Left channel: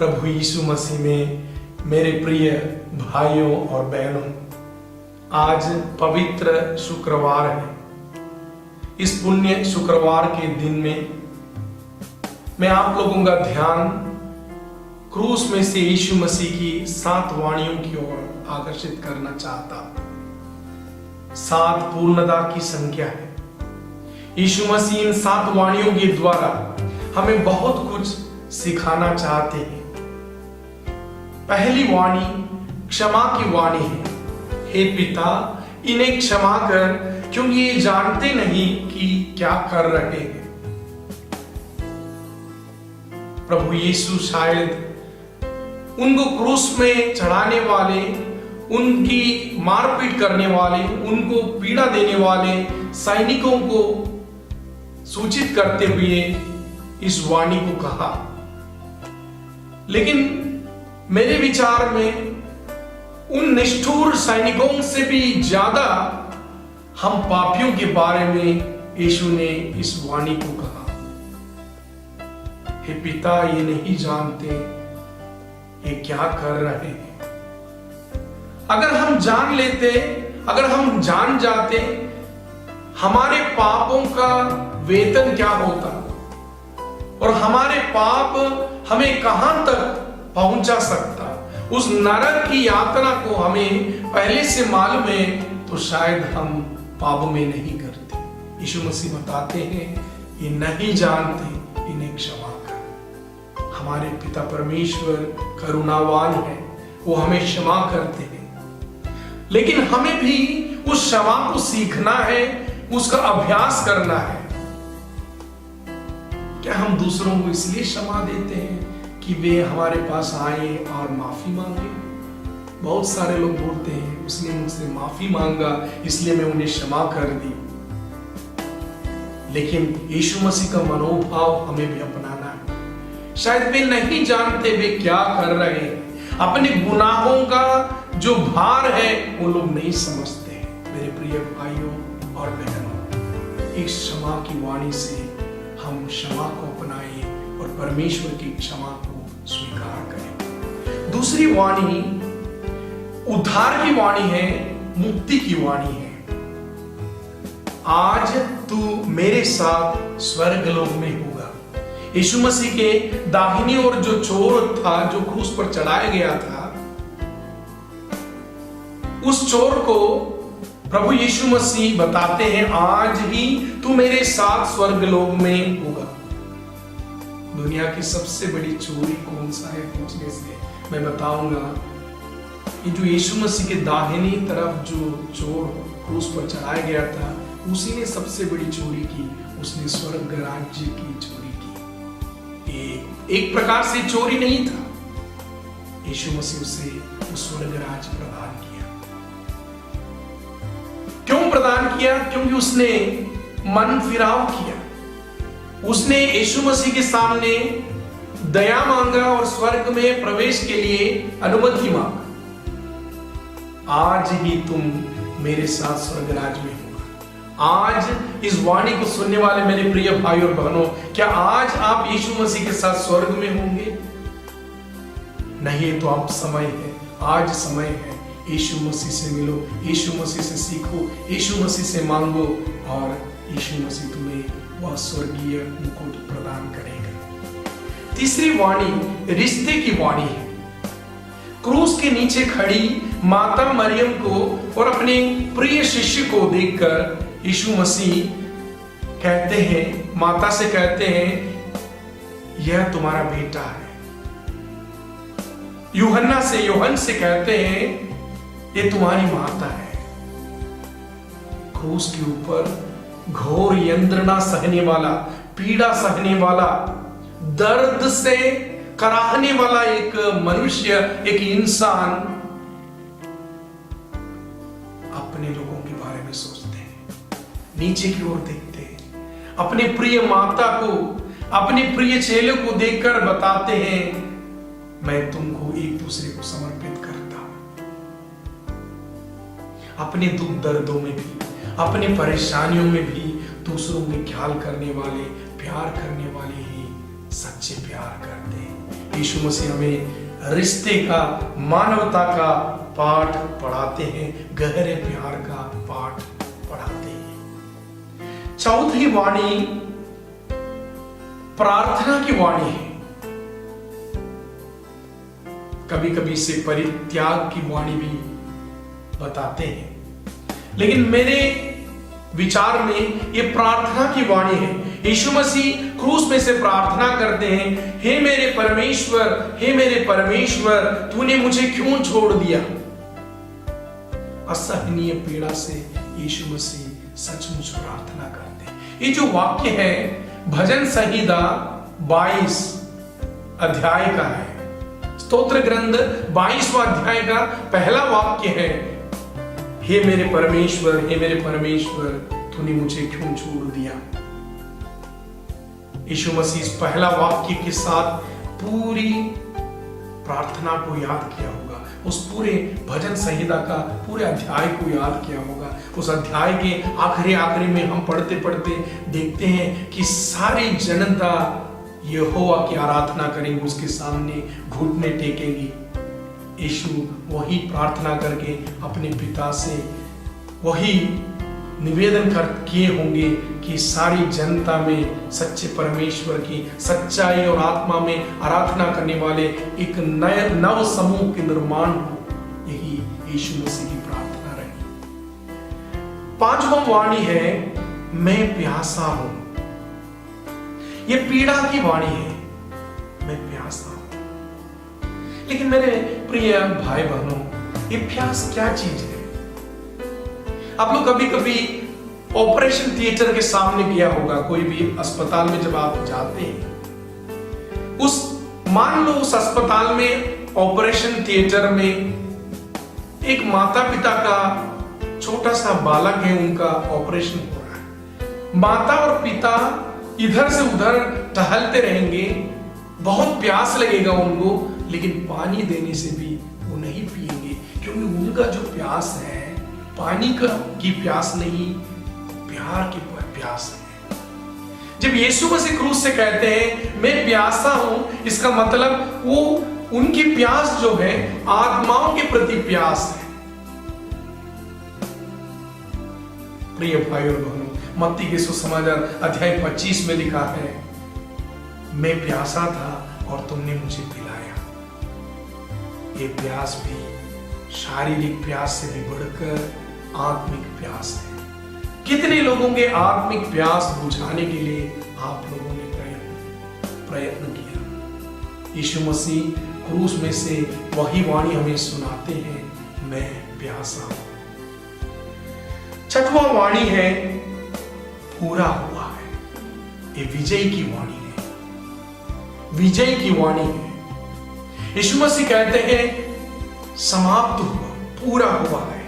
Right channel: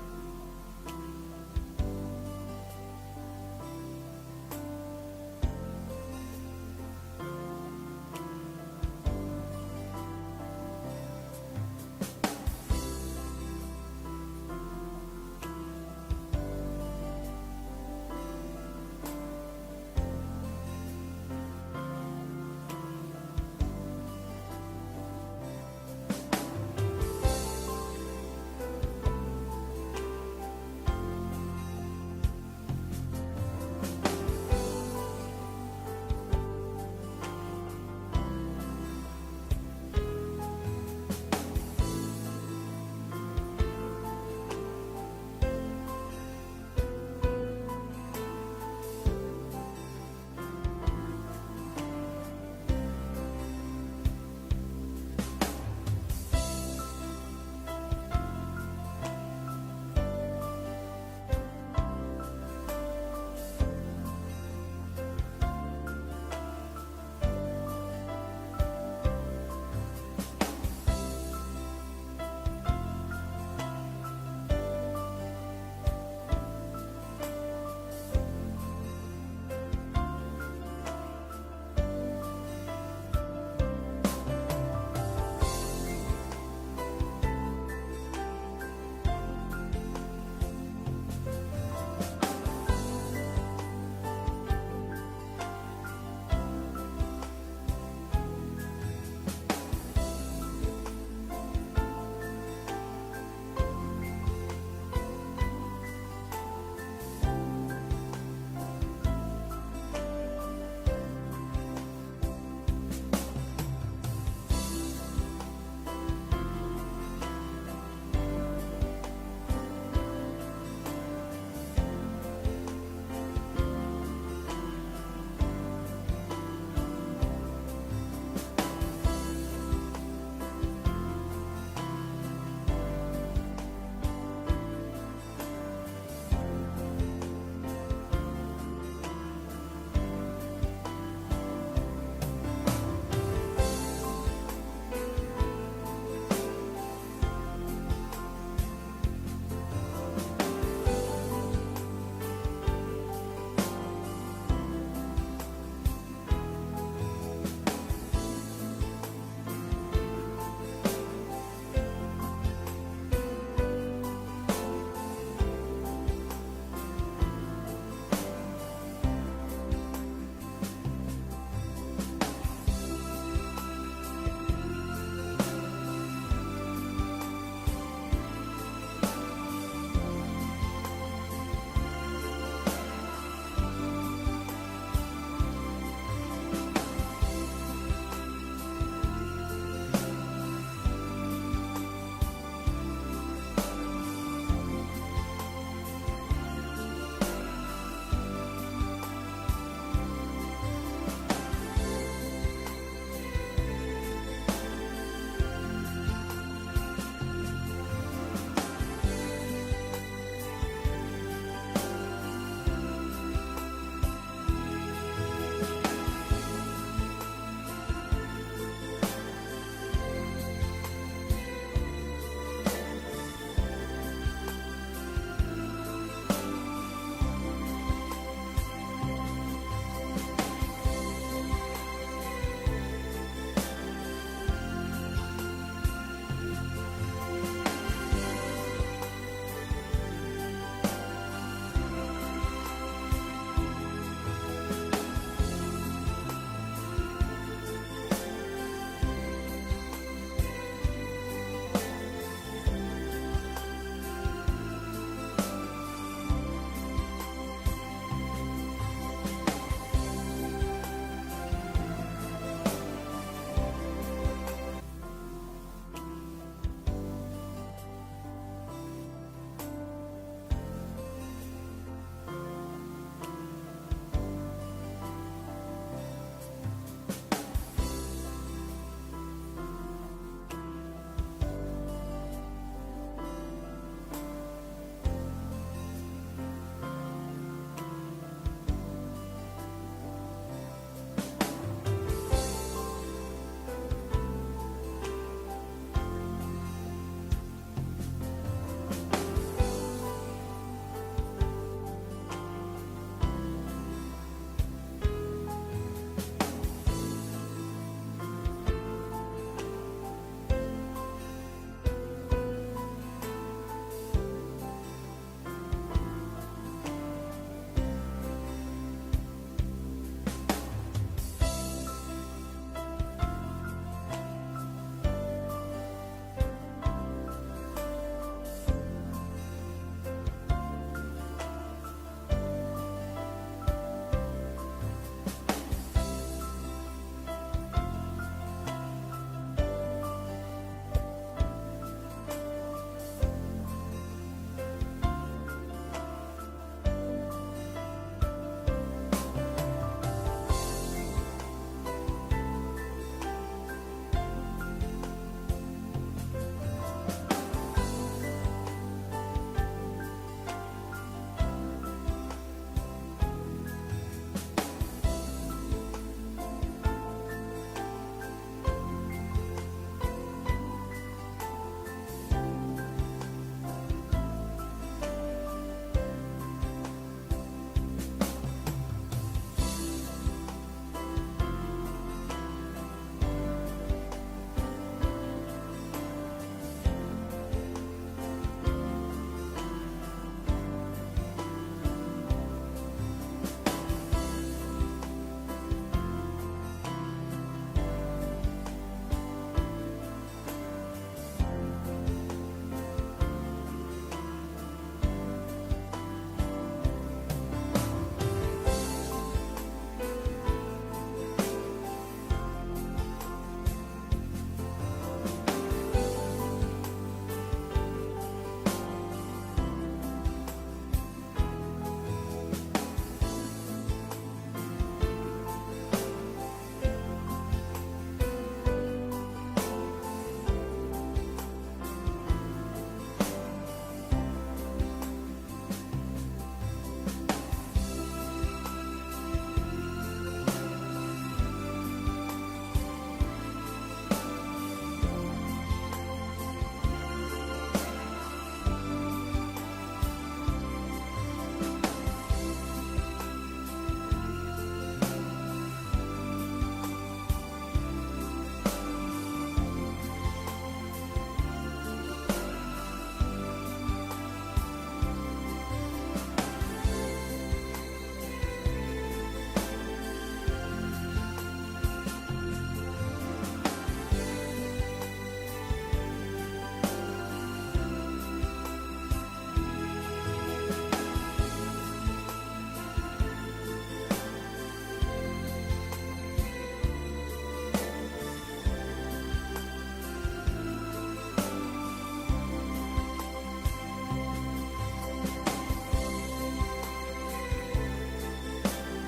प्रभु यीशु मसीह में मेरे प्रिय भाइयों और बहनों, आज पवित्र शुक्रवार है। इस पुण्य शुक्रवार के दिन में मैं आप लोगों का ध्यान क्रूस में से यीशु मसीह की 7 वाणियों की ओर आकर्षित करना चाहता हूं। 7 पूर्णता की संख्या है। यीशु मसीह इन 7 वाणियों के द्वारा हमें बहुत कुछ सिखाना चाहते हैं। पहली वाणी क्षमा की वाणी है। हे पिता, इन्हें क्षमा कर, क्योंकि ये जानते नहीं कि क्या कर रहे हैं। प्रभु यीशु शायद उनको क्रूस में चढ़ाने वाले, उनकी मारपीट करने वाले, उनको पीड़ा देने वाले सैनिकों को सूचित करते हुए इस वाणी को कहा। लेकिन मेरे विचार में उन निष्ठुर सैनिकों से भी ज्यादा हम पापियों के बारे में यीशु ने इस वाणी को कहा। हे पिता, ये नहीं जानते ये क्या कर रहे हैं। अगर हम जान लेते, अगर हम जान जाते हमारे पापों का वेतन क्या होता और हमारे पाप हमें कहां तक पहुंचा सकता, उस नरक की यात्रा को हमें पहले से मालूम है, तो शायद हम पाप में नहीं करते। यीशु मसीह बताते हैं, ये नहीं जानते, इन्हें क्षमा कर। हमारे पिता परमेश्वर करुणावान है, वो हमें क्षमा करते हैं। लेकिन हमें भी उस क्षमा को सीखना है, उसका अभ्यास करना है। क्या हम दूसरों को इसलिए क्षमा देते हैं कि वे हमारे पास आए और माफी मांगे? बहुत सारे लोग बोलते हैं, उसने मुझसे माफी मांगा इसलिए मैं उन्हें क्षमा कर दी। लेकिन यीशु मसीह का मनोभाव हमें भी अपनाना है। शायद वे नहीं जानते वे क्या कर रहे हैं। अपने गुनाहों का जो भार है वो लोग नहीं समझते। मेरे प्रिय भाइयों और बहनों, इस क्षमा की वाणी से हम क्षमा को अपनाएं और परमेश्वर की क्षमा को स्वीकार करें। दूसरी वाणी उद्धार की वाणी है, मुक्ति की वाणी है। आज तू मेरे साथ स्वर्गलोक में होगा। यीशु मसीह के दाहिनी ओर जो चोर था, जो क्रूस पर चढ़ाया गया था, उस चोर को प्रभु यीशु मसीह बताते हैं, आज ही तू मेरे साथ स्वर्गलोक में होगा। दुनिया की सबसे बड़ी चोरी कौन सा है पूछने से मैं बताऊंगा कि जो यीशु मसीह के दाहिनी तरफ जो चोर क्रूस पर चढ़ाया गया था, उसी ने सबसे बड़ी चोरी की। उसने स्वर्ग राज्य की चोरी की। ये एक प्रकार से चोरी नहीं था। यीशु मसीह उसे स्वर्ग राज्य प्रदान किया। क्यों प्रदान किया? क्योंकि उसने मन फिराव किया। उसने यीशु मसीह के सामने दया मांगा और स्वर्ग में प्रवेश के लिए अनुमति मांगा। आज ही तुम मेरे साथ स्वर्ग राज्य में हो। आज इस वाणी को सुनने वाले मेरे प्रिय भाई और बहनों, क्या आज आप यीशु मसीह के साथ स्वर्ग में होंगे? नहीं तो अब समय है, आज समय है। यीशु मसीह से मिलो, यीशु मसीह से सीखो, यीशु मसीह से मांगो और यीशु मसीह तुम्हें वह स्वर्गीय मुकुट प्रदान करेगा। तीसरी वाणी रिश्ते की वाणी है। क्रूस के नीचे खड़ी माता मरियम को और अपने प्रिय शिष्य को देखकर यीशु मसीह कहते हैं, माता से कहते हैं, यह तुम्हारा बेटा है। यूहन्ना से कहते हैं, ये तुम्हारी माता है। क्रूस के ऊपर घोर यंत्रणा सहने वाला, पीड़ा सहने वाला, दर्द से कराहने वाला एक मनुष्य, एक इंसान अपने लोगों के बारे में सोचते हैं, नीचे की ओर देखते हैं, अपने प्रिय माता को, अपने प्रिय चेले को देखकर बताते हैं, मैं तुमको एक दूसरे को समर्पित करता हूं। अपने दुख दर्दों में भी, अपने परेशानियों में भी दूसरों में ख्याल करने वाले, प्यार करने वाले ही सच्चे प्यार करते हैं। यीशु मसीह हमें रिश्ते का, मानवता का पाठ पढ़ाते हैं, गहरे प्यार का पाठ पढ़ाते हैं। चौथी वाणी प्रार्थना की वाणी है। कभी कभी इसे परित्याग की वाणी भी बताते हैं, लेकिन मेरे विचार में ये प्रार्थना की वाणी है। यीशु मसीह क्रूस में से प्रार्थना करते हैं, हे मेरे परमेश्वर, हे मेरे परमेश्वर, तूने मुझे क्यों छोड़ दिया। असहनीय पीड़ा से यीशु मसीह सचमुच प्रार्थना करते हैं। ये जो वाक्य है भजन संहिता 22 अध्याय का है। स्तोत्र ग्रंथ 22वां अध्याय का पहला वाक्य है, हे मेरे परमेश्वर, हे मेरे परमेश्वर, तूने मुझे क्यों छोड़ दिया। यीशु मसीह इस पहला वाक्य के साथ पूरी प्रार्थना को याद किया होगा, उस पूरे भजन संहिता का पूरे अध्याय को याद किया होगा। उस अध्याय के आखिरी में हम पढ़ते पढ़ते देखते हैं कि सारी जनता यहोवा की आराधना करेंगे, उसके सामने घुटने टेकेंगी। यीशु वही प्रार्थना करके अपने पिता से वही निवेदन किए होंगे कि सारी जनता में सच्चे परमेश्वर की सच्चाई और आत्मा में आराधना करने वाले एक नए नव समूह के निर्माण हो। यही यीशु मसीह की प्रार्थना रही। पांचवा वाणी है, मैं प्यासा हूं। ये पीड़ा की वाणी है, मैं प्यासा हूं। लेकिन मेरे प्रिय भाई बहनों, ये प्यास क्या चीज है। आप लोग कभी कभी ऑपरेशन थिएटर के सामने गया होगा, कोई भी अस्पताल में जब आप जाते हैं, मान लो उस अस्पताल में ऑपरेशन थिएटर में एक माता पिता का छोटा सा बालक है, उनका ऑपरेशन हो रहा है। माता और पिता इधर से उधर टहलते रहेंगे, बहुत प्यास लगेगा उनको, लेकिन पानी देने से भी वो नहीं पिएंगे, क्योंकि उनका जो प्यास है पानी की प्यास नहीं, प्यार की प्यास है। जब यीशु मसीह क्रूस से कहते हैं मैं प्यासा हूं, इसका मतलब वो उनकी प्यास जो है आत्माओं के प्रति प्यास है। प्रिय भाई और बहनों, मत्ती के सुसमाचार अध्याय 25 में लिखा है, मैं प्यासा था और तुमने मुझे पिलाया। ये प्यास भी शारीरिक प्यास से भी बढ़कर आत्मिक प्यास है। कितने लोगों के आत्मिक प्यास बुझाने के लिए आप लोगों ने प्रयत्न किया। यीशु मसीह क्रूस में से वही वाणी हमें सुनाते हैं, मैं प्यासा हूं। छठवां वाणी है, पूरा हुआ है। ये विजय की वाणी है, विजय की वाणी है। यीशु मसीह कहते हैं समाप्त हुआ, पूरा हुआ है।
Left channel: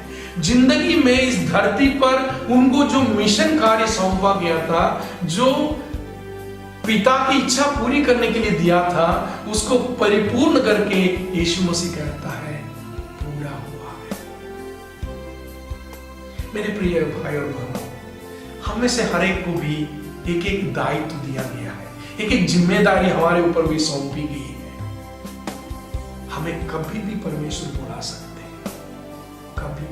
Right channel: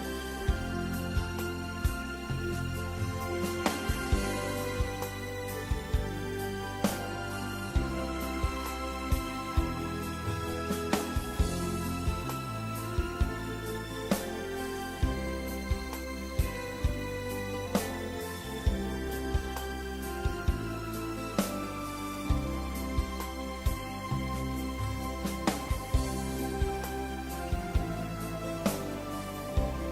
जिंदगी में इस धरती पर उनको जो मिशन कार्य सौंपा गया था, जो पिता की इच्छा पूरी करने के लिए दिया था, उसको परिपूर्ण करके यीशु मसीह कहता है पूरा हुआ है। मेरे प्रिय भाई और बहनों, हमें से हर एक को भी एक एक दायित्व दिया गया है, एक एक जिम्मेदारी हमारे ऊपर भी सौंपी गई है। हमें कभी भी परमेश्वर बुला सकते हैं, कभी भी।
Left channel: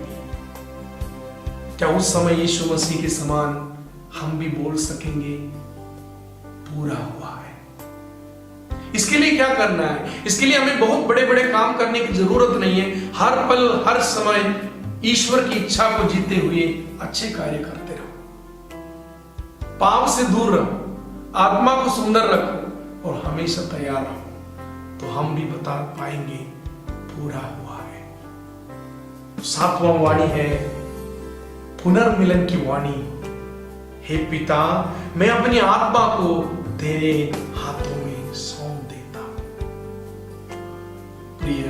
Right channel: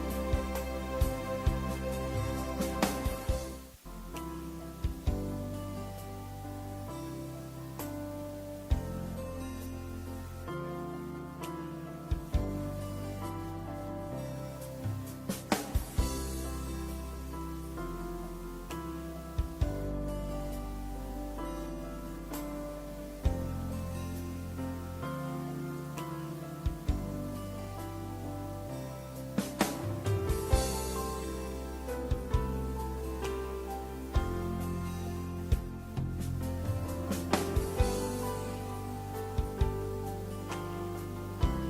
क्या उस समय यीशु मसीह के समान हम भी बोल सकेंगे पूरा हुआ है? इसके लिए क्या करना है? इसके लिए हमें बहुत बड़े बड़े काम करने की जरूरत नहीं है। हर पल हर समय ईश्वर की इच्छा को जीते हुए अच्छे कार्य करते रहो, पाप से दूर रहो, आत्मा को सुंदर रखो और हमेशा तैयार रहो, तो हम भी बता पाएंगे पूरा हुआ है। सातवां वाणी है पुनर्मिलन की वाणी। हे पिता, मैं अपनी आत्मा को तेरे हाथों में सौंप देता हूं। प्रिय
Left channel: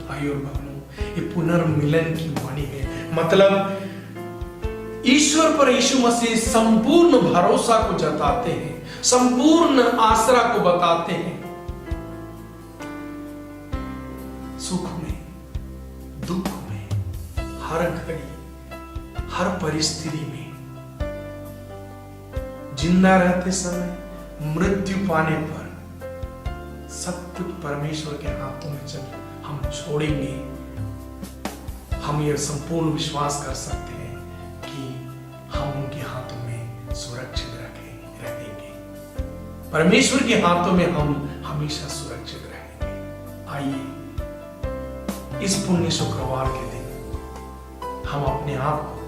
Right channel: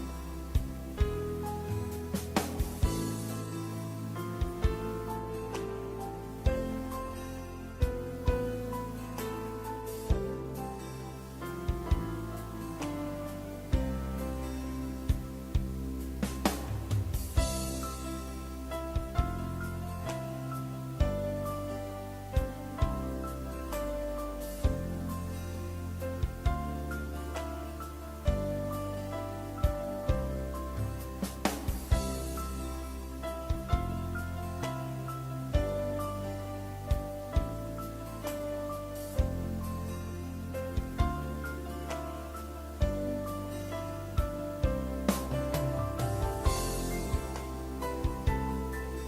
भाई और बहनों, ये पुनर्मिलन की वाणी है। मतलब ईश्वर पर यीशु मसीह संपूर्ण भरोसा को जताते हैं, संपूर्ण आसरा को बताते हैं। सुख में, दुख में, हर घड़ी, हर परिस्थिति में, जिंदा रहते समय, मृत्यु पाने पर, सब खुद परमेश्वर के हाथों में जब हम छोड़ेंगे, हम ये संपूर्ण विश्वास कर सकते हैं कि हम उनके हाथों में सुरक्षित रहेंगे। परमेश्वर के हाथों में हम हमेशा सुरक्षित रहेंगे। आइए इस पुण्य शुक्रवार के दिन हम अपने आप को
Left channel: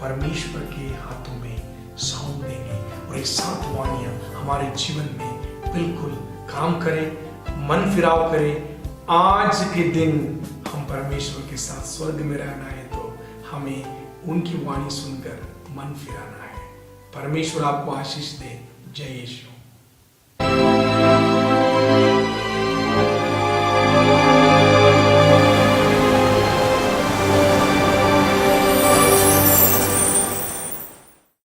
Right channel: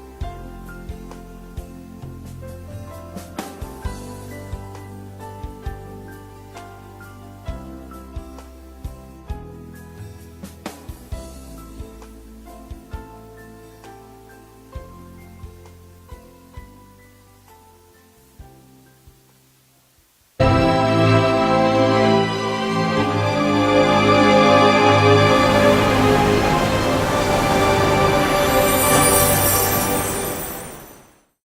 परमेश्वर के हाथों में सौंप देंगे और एक सात वाणियां हमारे जीवन में बिल्कुल काम करें, मन फिराव करें। आज के दिन हम परमेश्वर के साथ स्वर्ग में रहना है, तो हमें उनकी वाणी सुनकर मन फिराना है। परमेश्वर आपको आशीष दे। जय यीशु।